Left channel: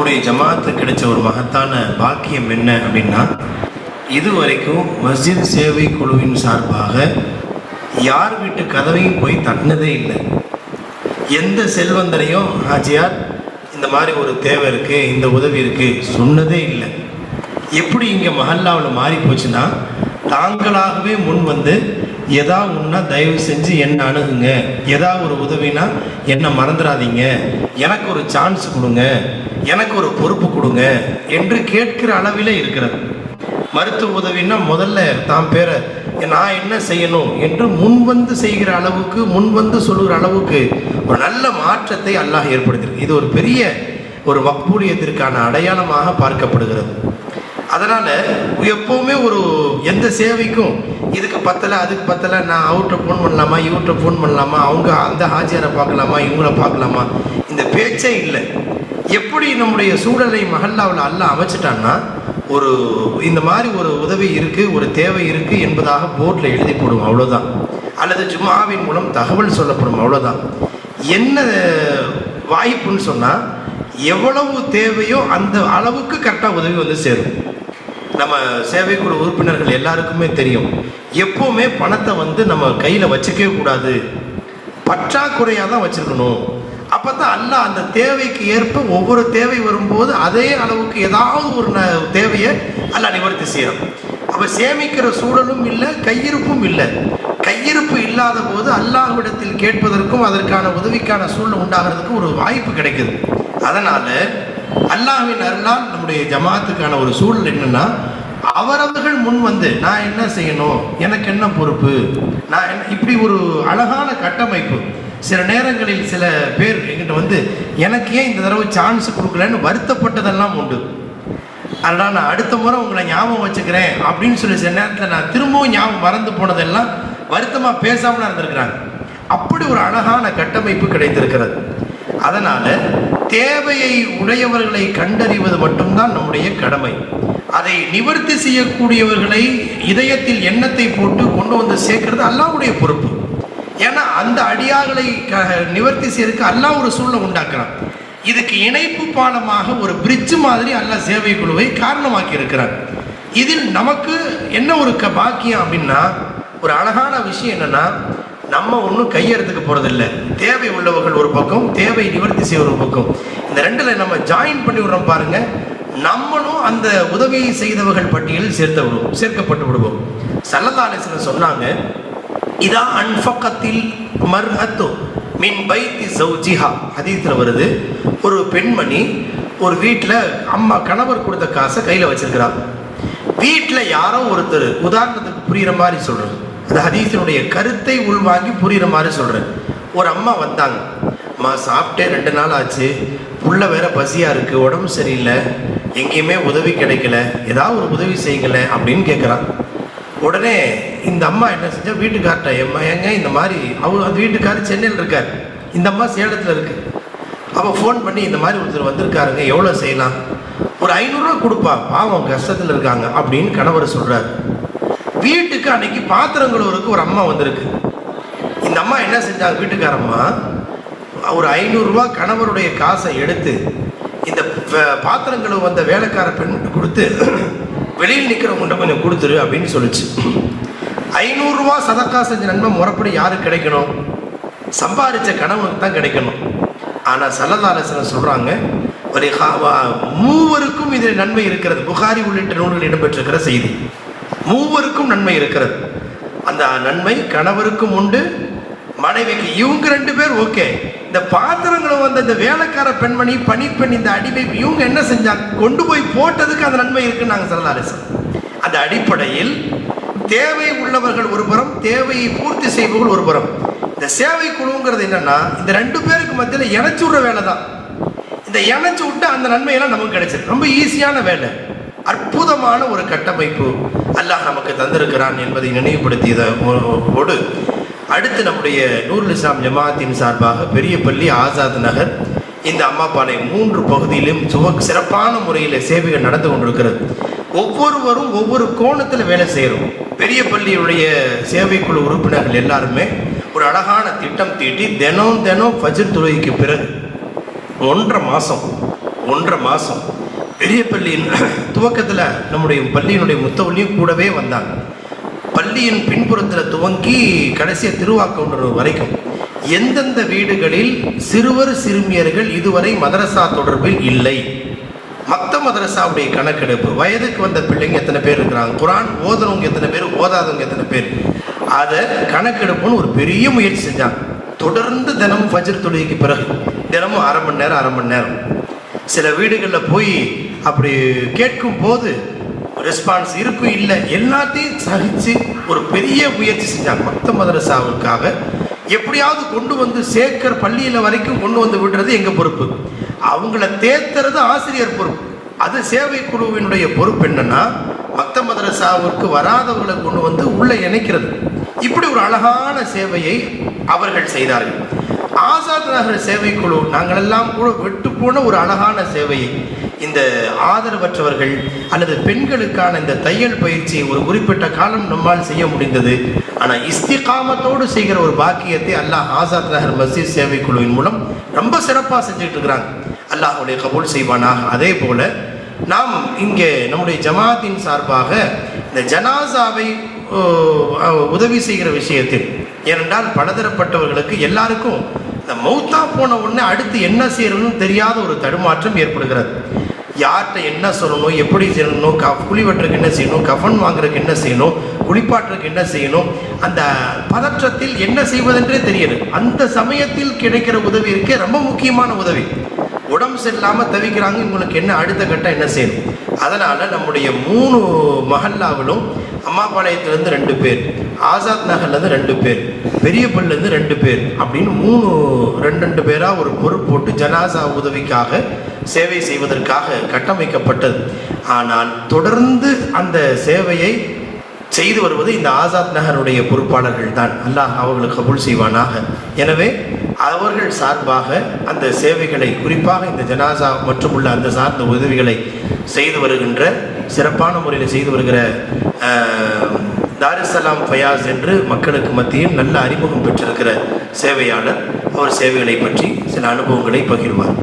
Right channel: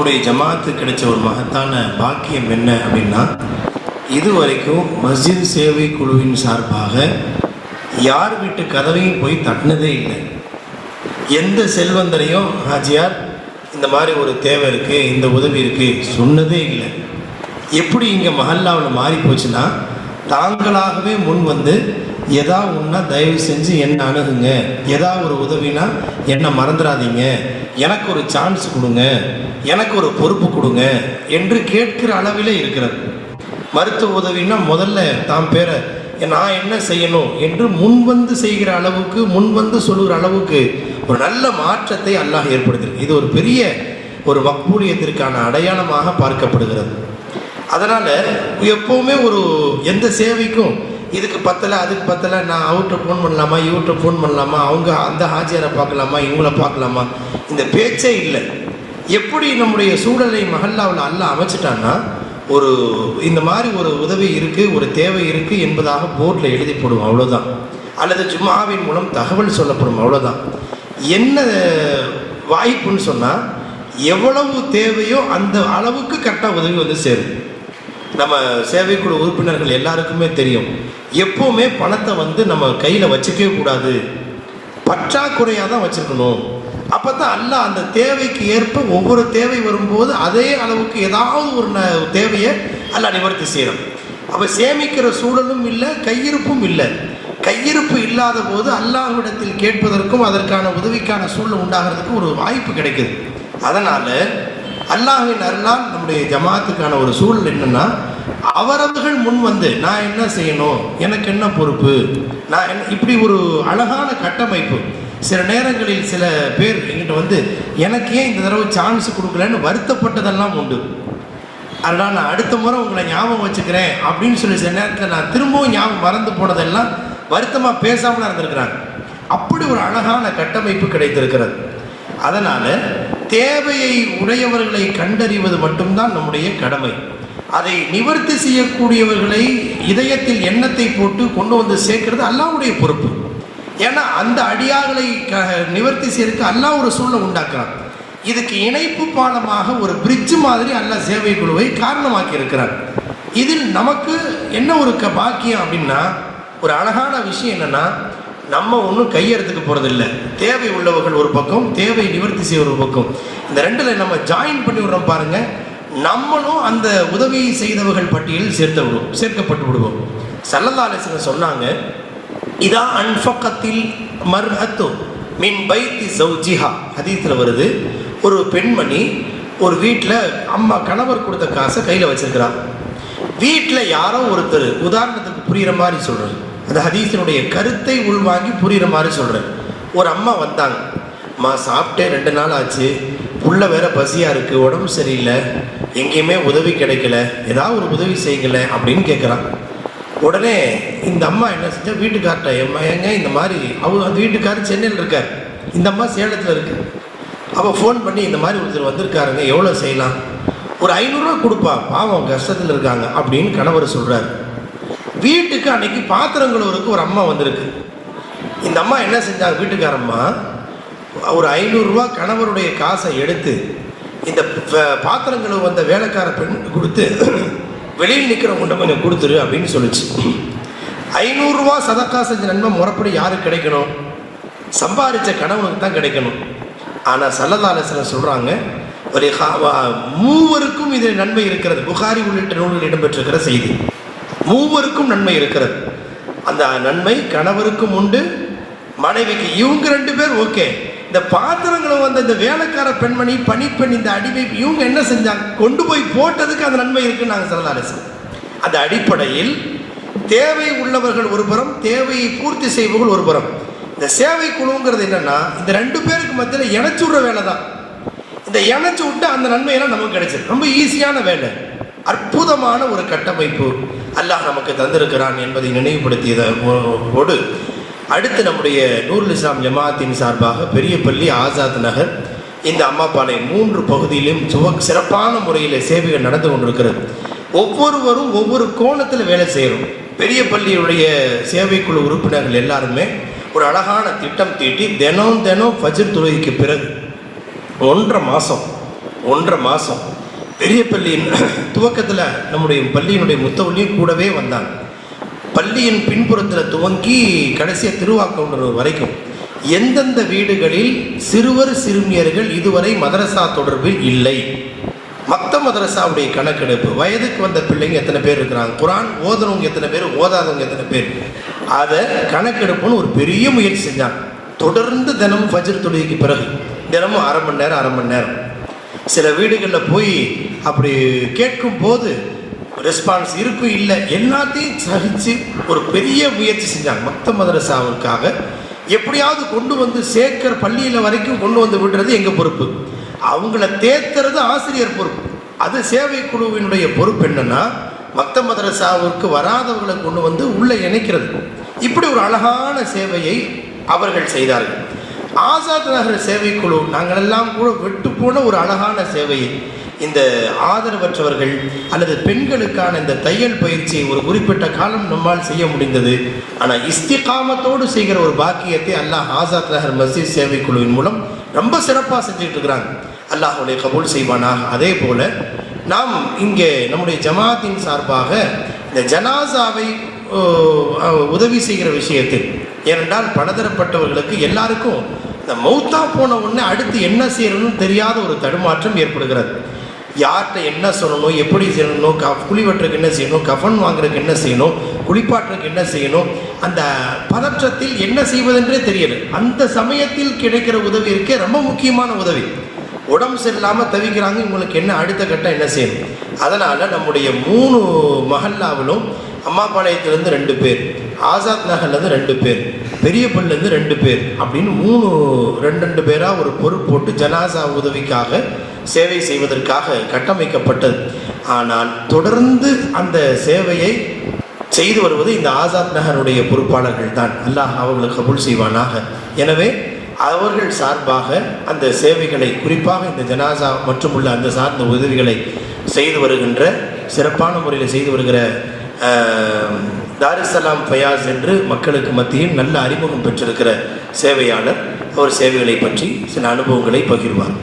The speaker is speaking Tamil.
நம்முடைய ஜமாத்து கிடைச்ச ஒரு மகத்தான பாக்கியம் என்ன அப்படின்னா இதுவரைக்கும் மஸ்ஜித் சேவை குழுவின் சார்பாக யார் வீட்டு கதவையும் போய் தட்டினதே இல்லை. எந்த செல்வந்தரையும் ஹாஜியார் இந்த மாதிரி ஒரு தேவை இருக்குது இந்த உதவி இருக்குது சொன்னதே இல்லை. எப்படி இங்கே மஹல்லாவில் மாறி போச்சுன்னா தாங்களாகவே முன் வந்து எதா ஒன்றா தயவு செஞ்சு என்னை அணுகுங்க. எதா ஒரு உதவினா என்னை மறந்துடாதீங்க எனக்கு ஒரு சான்ஸ் கொடுங்க. எனக்கு ஒரு பொறுப்பு கொடுங்க என்று கேட்கிற அளவிலே இருக்கிறது. மருத்துவ உதவினா முதல்ல தாம் பேரை நான் என்ன செய்யணும்? என்று முன்வந்து செய்கிற அளவுக்கு முன்வந்து சொல்கிற அளவுக்கு ஒரு நல்ல மாற்றத்தை அல்லாஹ் ஏற்படுத்தியிருக்கு இது ஒரு பெரிய ஒரு வக்பூலியத்திற்கான அடையாளமாக பார்க்கப்படுகிறது. அதனால் எப்போவுமே ஒரு எந்த சேவைக்கும் இதுக்கு பத்தலை அதுக்கு பத்தலை நான் அவர்கிட்ட ஃபோன் பண்ணலாமா இவர்கிட்ட ஃபோன் பண்ணலாமா அவங்க அந்த ஹாஜியாரை பார்க்கலாமா இவங்கள பார்க்கலாமா? இந்த பேச்சே இல்லை. எப்படி நம்முடைய சூழலை மஹல்லாவில் அல்ல அமைச்சிட்டான்னா ஒரு இந்த மாதிரி ஒரு உதவி இருக்குது ஒரு தேவை இருக்குது என்பதாக போர்டில் எழுதி போடுவோம் அவ்வளோதான் அல்லது ஜும்மாவின் மூலம் தகவல் சொல்லப்படும் அவ்வளோதான் என்ன வாய்ப்புன்னு சொன்னால் எவ்வளவு தேவையோ அந்த அளவுக்கு கரெக்டாக உதவி வந்து சேரும். நம்ம சேவைக்குழு உறுப்பினர்கள் எல்லாருக்குமே தெரியும். எப்போவுமே பணத்தை வந்து நம்ம கையில் வச்சுக்கவே கூடாது. பற்றாக்குறையாக தான் வச்சுருக்கணும் அப்போ தான் அல்ல அந்த தேவைக்கு ஏற்ப ஒவ்வொரு தேவை வரும்போது அதே அளவுக்கு ஏதாவது ஒரு தேவையை அல்ல நிவர்த்தி செய்யணும் அப்போ சேமிக்கிற சூழலும் இல்லை கையிருப்பும் இல்லை. கையிருப்பு இல்லாத போது அல்லாஹ்விடத்தில் கேட்பதற்கும் அதற்கான உதவிக்கான சூழல் உண்டாகிறதுக்கும் ஒரு வாய்ப்பு கிடைக்குது. அதனால் அல்லாஹின் அருளால் நம்முடைய ஜமாத்துக்கான ஒரு சூழல் என்னென்னா அவரவர்கள் முன் வந்து நான் என்ன செய்யணும்? எனக்கு என்ன பொறுப்பு? நான் என்ன இப்படி ஒரு அழகான கட்டமைப்பு. சில நேரங்களில் சில பேர் எங்கிட்ட வந்து எனக்கு ஏன் இந்த தடவை சான்ஸ் கொடுக்கலன்னு வருத்தப்பட்டதெல்லாம் உண்டு. அதனால் நான் அடுத்த முறை உங்களை ஞாபகம் வச்சுக்கிறேன் அப்படின்னு சொல்லி சில நேரத்தில் நான் திரும்பவும் ஞாபகம் மறந்து போனதெல்லாம் வருத்தமாக பேசாமல் இருந்திருக்கிறாங்க அப்படி ஒரு அழகான கட்டமைப்பு கிடைத்திருக்கிறது. அதனால் தேவையை உடையவர்களை கண்டறிவது மட்டும்தான் நம்முடைய கடமை. அதை நிவர்த்தி செய்யக்கூடியவர்களை இதயத்தில் எண்ணத்தை போட்டு கொண்டு வந்து சேர்க்கிறது அல்லாவுடைய பொறுப்பு. ஏன்னா அந்த அடியார்களை க- நிவர்த்தி செய்யறதுக்கு அல்லா ஒரு சூழலை உண்டாக்குறான். இதுக்கு இணைப்பு பாலமாக ஒரு பிரிட்ஜு மாதிரி அல்லா சேவை குழுவை காரணமாக்கி இருக்கிறார். இதில் நமக்கு என்ன ஒரு க பாக்கியம் அப்படின்னா ஒரு அழகான விஷயம் என்னன்னா நம்ம ஒன்றும் கையெழுத்துக்கு போகிறதில்ல தேவை உள்ளவர்கள் ஒரு பக்கம் தேவை நிவர்த்தி செய்வது ஒரு பக்கம். இந்த ரெண்டில் நம்ம ஜாயின் பண்ணி விடுறோம் பாருங்க. நம்மளும் அந்த உதவியை செய்தவர்கள் பட்டியலில் சேர்த்து விடுவோம் சேர்க்கப்பட்டு விடுவோம் சல்லதாலேசன் சொன்னாங்க இதா அன்ஃபக்கத்தில் மர்ஹத்து மின் பைத்தி சௌஜிஹா. ஹதீத்தில் வருது ஒரு பெண்மணி ஒரு வீட்டில் அம்மா கணவர் கொடுத்த காசை கையில் வச்சிருக்கிறார் வீட்டில் யாரோ ஒருத்தர் உதாரணத்துக்கு புரிகிற மாதிரி சொல்கிறேன் அந்த ஹதீஸினுடைய கருத்தை உள்வாங்கி புரிகிற மாதிரி சொல்கிறேன் ஒரு அம்மா வந்தாங்க அம்மா சாப்பிட்டே ரெண்டு நாள் ஆச்சு. புள்ள வேற பசியாக இருக்குது உடம்பு சரியில்லை. எங்கேயுமே உதவி கிடைக்கல. ஏதாவது ஒரு உதவி செய்யல அப்படின்னு கேட்குறான் உடனே இந்த அம்மா என்ன செஞ்சா? வீட்டுக்கார்ட்ட எம்மா ஏங்க இந்த மாதிரி அவங்க அந்த வீட்டுக்காரர் சென்னையில் இருக்கார். இந்த அம்மா சேலத்தில் இருக்கு. அவள் ஃபோன் பண்ணி இந்த மாதிரி ஒருத்தர் வந்திருக்காருங்க. எவ்வளோ செய்யலாம்? ஒரு ஐநூறுரூவா கொடுப்பா. பாவம் கஷ்டத்தில் இருக்காங்க. அப்படின்னு கணவர் சொல்கிறார் வீட்டுக்கு அன்னைக்கு பாத்திரம் கழுவுறதுக்கு ஒரு அம்மா வந்திருக்கு. இந்த அம்மா என்ன செஞ்சாங்க வீட்டுக்காரம்மா ஒரு ஐநூறுரூவா கணவருடைய காசை எடுத்து இந்த ப- வந்த வேலைக்கார பெண்ணுக்கு கொடுத்து வெளியில் நிற்கிறவங்கள்ட்ட கொஞ்சம் கொடுத்துரு அப்படின்னு சொல்லிச்சு. ஐநூறுரூவா சதக்கா செஞ்ச நன்மை முறைப்படி யாருக்கு கிடைக்கணும்? சம்பாதிச்ச கணவனுக்கு தான் கிடைக்கணும். ஆனால் சல்லதாலசனம் சொல்கிறாங்க ஒரு ஹா- வா- மூவருக்கும் இதில் நன்மை இருக்கிறது. புகாரி உள்ளிட்ட நூலில் இடம்பெற்றிருக்கிற செய்தி. மூவருக்கும் நன்மை இருக்கிறது. அந்த நன்மை கணவருக்கும் உண்டு மனைவிக்கு இவங்க ரெண்டு பேர் ஓகே. இந்த பாத்திரங்களை வந்த இந்த வேலைக்கார பெண்மணி பணிப்பெண் இந்த அடிமை இவங்க என்ன செஞ்சாங்க? கொண்டு போய் போட்டதுக்கு அந்த நன்மை இருக்குன்னு நாங்கள் சொல்லலாம் அந்த அடிப்படையில் தேவை உள்ளவர்கள் ஒரு புறம் தேவையை பூர்த்தி செய்பவர்கள் ஒரு புறம். இந்த சேவை குழுங்கிறது என்னன்னா இந்த ரெண்டு பேருக்கு மத்தியில் இணைச்சு விடுற வேலை தான். இந்த இணைச்சு விட்டு அந்த நன்மையெல்லாம் நமக்கு கிடைச்சிது ரொம்ப ஈஸியான வேலை. அற்புதமான ஒரு கட்டமைப்பு அல்லாஹ் நமக்கு தந்திருக்கிறான் என்பதை நினைவுபடுத்தியதோடு அடுத்து நம்முடைய நூருல் இஸ்லாம் ஜமாத்தின் சார்பாக பெரியபள்ளி ஆசாத் நகர். இந்த அம்மாப்பாளை மூன்று பகுதியிலும் சுவ சிறப்பான முறையில் சேவைகள் நடந்து கொண்டிருக்கிறது. ஒவ்வொருவரும் ஒவ்வொரு கோணத்தில் வேலை செய்கிறோம் பெரிய பள்ளியுடைய சேவைக்குழு உறுப்பினர்கள் எல்லாருமே ஒரு அழகான திட்டம் தீட்டி தினம் தினம் ஃபஜர் துறைக்கு பிறகு ஒன்றரை மாதம் ஒன்றரை மாதம் பெரிய பள்ளியின் துவக்கத்தில் நம்முடைய பள்ளியினுடைய முத்தவள்ளியும் கூடவே வந்தாங்க. பள்ளியின் பின்புறத்தில் துவங்கி கடைசியாக திருவாக்கவுண்டர் வரைக்கும் எந்தெந்த வீடுகளில் சிறுவர் சிறுமியர்கள் இதுவரை மதரசா தொடர்பில் இல்லை? மற்ற மதரசாவுடைய கணக்கெடுப்பு வயதுக்கு வந்த பிள்ளைங்க எத்தனை பேர் இருக்கிறாங்க? குரான் ஓதனவங்க எத்தனை பேர் ஓதாதவங்க எத்தனை பேர்? அதை கணக்கெடுப்புன்னு ஒரு பெரிய முயற்சி செஞ்சாங்க. தொடர்ந்து தினமும் ஃபஜர் தொழுகைக்கு பிறகு தினமும் அரை மணி நேரம் அரை மணி நேரம். சில வீடுகளில் போய் அப்படி கேட்கும் போது ரெஸ்பான்ஸ் இருப்பு இல்லை. எல்லாத்தையும் சகித்து ஒரு பெரிய முயற்சி செஞ்சாங்க மத்த மதரசாவுக்காக எப்படியாவது கொண்டு வந்து சேர்க்கிற பள்ளியில் வரைக்கும் கொண்டு வந்து விடுறது எங்கள் பொறுப்பு? அவங்கள தேத்துறது ஆசிரியர் பொறுப்பு. அது சேவை குழுவினுடைய பொறுப்பு என்னன்னா மத்த மதரசாவுக்கு வராதவர்களை கொண்டு வந்து உள்ளே இணைக்கிறது. இப்படி ஒரு அழகான சேவையை அவர்கள் செய்தார்கள். ஆசாத் நகர் சேவை குழு நாங்களெல்லாம் கூட விட்டு போன ஒரு அழகான சேவையை இந்த ஆதரவற்றவர்கள் அல்லது பெண்களுக்கான இந்த தையல் பயிற்சியை ஒரு குறிப்பிட்ட காலம் நம்மால் செய்ய முடிந்தது. ஆனால் இஸ்திகாமத்தோடு செய்கிற ஒரு பாக்கியத்தை அல்லாஹ் ஆசாத் நகர் மஸ்ஜித் சேவை குழுவின் மூலம் ரொம்ப சிறப்பாக செஞ்சுட்டு இருக்கிறாங்க அல்லாஹுடைய கபூல் செய்வானாக. அதே போல நாம் இங்கே நம்முடைய ஜமாத்தின் சார்பாக இந்த ஜனாசாவை உதவி செய்கிற விஷயத்தில் ஏனென்றால் பலதரப்பட்டவர்களுக்கு எல்லாருக்கும் இந்த மௌத்தா போன உடனே அடுத்து என்ன செய்யணும்னு தெரியாத ஒரு தடுமாற்றம் ஏற்படுகிறது. யார்கிட்ட என்ன சொல்லணும் எப்படி செய்யணும் க குழி வெட்டுறதுக்கு என்ன செய்யணும் கஃபன் வாங்குறதுக்கு என்ன செய்யணும் குளிப்பாட்டுறதுக்கு என்ன செய்யணும் அந்த பதற்றத்தில் என்ன செய்வதென்றே தெரியல. அந்த சமயத்தில் கிடைக்கிற உதவி இருக்கே ரொம்ப முக்கியமான உதவி. உடம்பு சரியில்லாமல் தவிக்கிறாங்க இவங்களுக்கு என்ன அடுத்த கட்டம் என்ன செய்யணும்? அதனால் நம்முடைய மூணு மஹல்லாவிலும் அம்மாபாளையத்துலேருந்து ரெண்டு பேர். ஆசாத் நகர்லேருந்து ரெண்டு பேர் பெரிய பெரியப்பள்ளிலேருந்து ரெண்டு பேர் அப்படின்னு மூணு ரெண்டு ரெண்டு பேராக ஒரு பொருள் போட்டு ஜனாசா உதவிக்காக சேவை செய்வதற்காக கட்டமைக்கப்பட்டது. ஆனால் தொடர்ந்து அந்த சேவையை செய்து வருவது இந்த ஆசாத் நகருடைய பொறுப்பாளர்கள் தான். அல்லாஹ் அவர்களை கபூல் செய்வானாக. எனவே அவர்கள் சார்பாக அந்த சேவைகளை குறிப்பாக இந்த ஜனாசா மற்றும் உள்ள அந்த சார்ந்த உதவிகளை செய்து வருகின்ற சிறப்பான முறையில் செய்து வருகிற தாரிசலாம் தாருசலாம் ஃபயாஸ் என்று மக்களுக்கு மத்தியும் நல்ல அறிமுகம் பெற்றிருக்கிற சேவையாளர். அவர் சேவைகளை பற்றி சில அனுபவங்களை பகிர்வார்.